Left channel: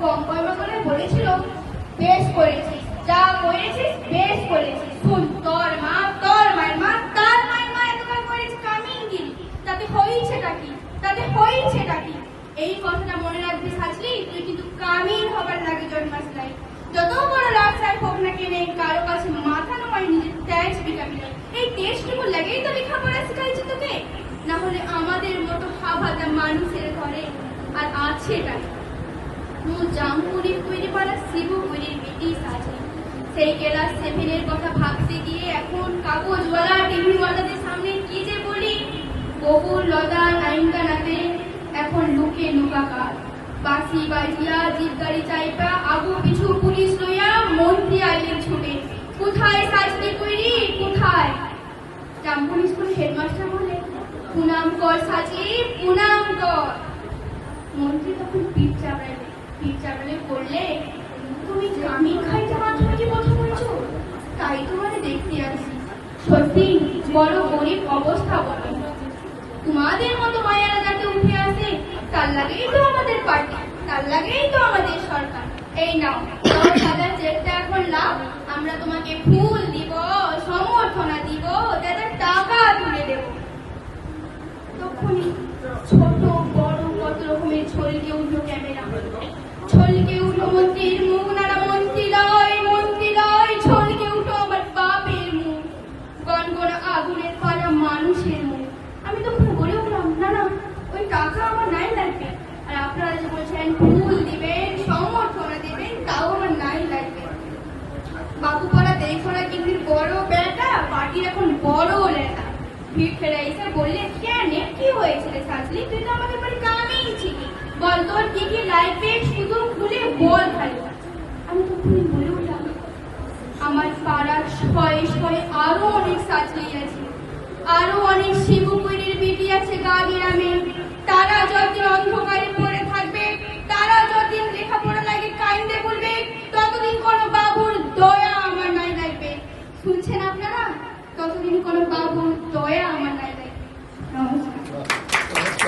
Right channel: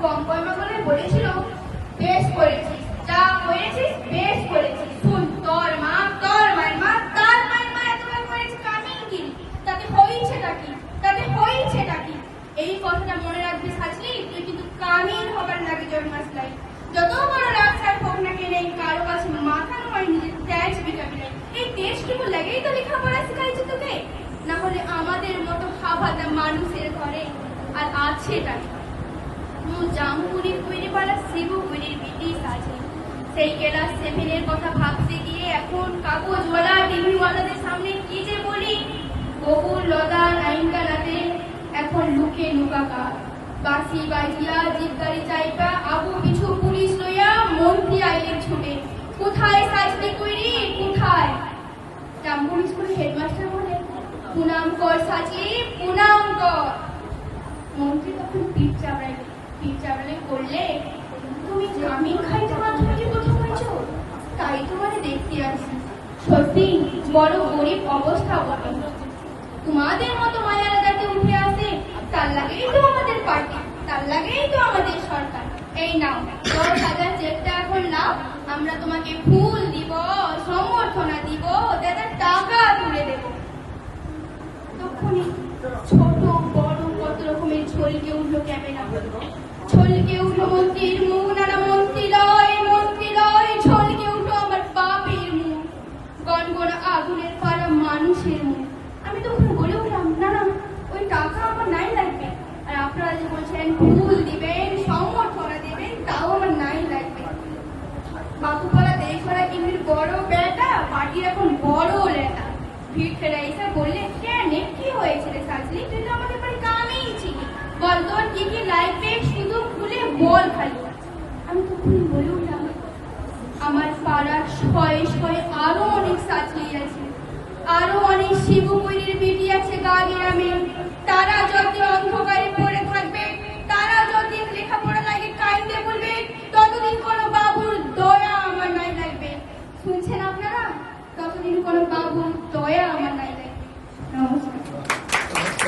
গঙ্গা করে বলেছিল, বেশ করেছিস, যা করেছিস বেশ করেছিস। শুন, তোর মায়ের মা, তার মায়ের মা এতবার করেছে কামিনগিরি, তাতে হয়েছেটা কি? এই কথাটা মনে রাখবি সাজলি, তুই কিন্তু কামিন হবার লাগে জন্মাস নাই। যত বড় রাস্তায় হোক না কেন, এই কারো কাছে মাথা নয়, নিজের ত্যাজ বিকাবি। এই দেশটুকু লাগেই তো লেখাপড়া শিখাইছে তোকে, না হলে আমাদের মতো হাভাদা মানুষের ঘরে আর আছেটা কি? জামপুরীর তৈরি পাড়া শিবপুরীর ব্রিটিশ আছে, সেই ক্লাস 7 কথা ভাবতে গিয়ে এখন কাগজওয়ালা টিভিওয়ালাদের সামনে কি যে বলি। বহুর লদা নাইনকানাতে এখন লুকে লুকাকার, বাসি বাজিয়া জিপ গাড়ি চাইপা আবু পিছু পুলিশ লইয়া মন্ত্রী আইলেন ছুটে। কোথায় সাজতে কইরি, কোথায়? জামপুর স্কুলের হেডমাস্টার বলে, পুনাম কর সাজলি, পুনাম কর। মন্ত্রী তখন পিঠ চাপড়ালে করলে, তুমি জামিন খাইতে মাধ্যমিকে প্রথম হয়েছ, তাই তোমার দেখতে আসি। সত্যি বড় গরিব অবস্থা বটে। তোমাদের মতো মায়ারা যাতে উঠে আসে, তার লাগেই তো আমাদের পার্টি, তার লাগেই তো আমাদের সরকার। এই নাও 10,000 চেকটা এখন নাও, আমরা তোমাকে ফুল দিব, সমর্থনা দিব, দাদা টাকা তুলে দেব। তখনই ছোট বড় কত রকমের ছলকে উঠলো ক্যামেরা, ছলকে উঠলো মন্ত্রীর মুখ, নানা মন্ত্রী লয়, ছলকে উঠলো আমার বাপের মুখ, গনগনা আগুনের পাড়া মানুষের মুখ। আমি তখন বলে উঠলাম, না ওই টাকা আমার নাই লাগবে, আর আপনারা যে বলছেন ফুল দিবেন, সমর্থনা দেবেন, তাও আমার নাই লাগবে। বাবুপাড়া দেখোরা কিন্তু বড় বেটা, পার্টির এখন বড় লেটা। ভিড় ফেরা এসে বললে, কেন কি হয়েছে রে সাজলি, তুই তো আমাদের বাড়ি কামেই ছিলি, বল তোর কি কি লাগবে শুধু খুলে বল খালি। আমি তখন বলে উঠলাম, আমার পাড়ার শয়ে আরো অনেক সাজলি আছে, আরো অনেক শিবপুরীর বিটি আছে গা গ্রামে, তারা যদি অন্ধকারে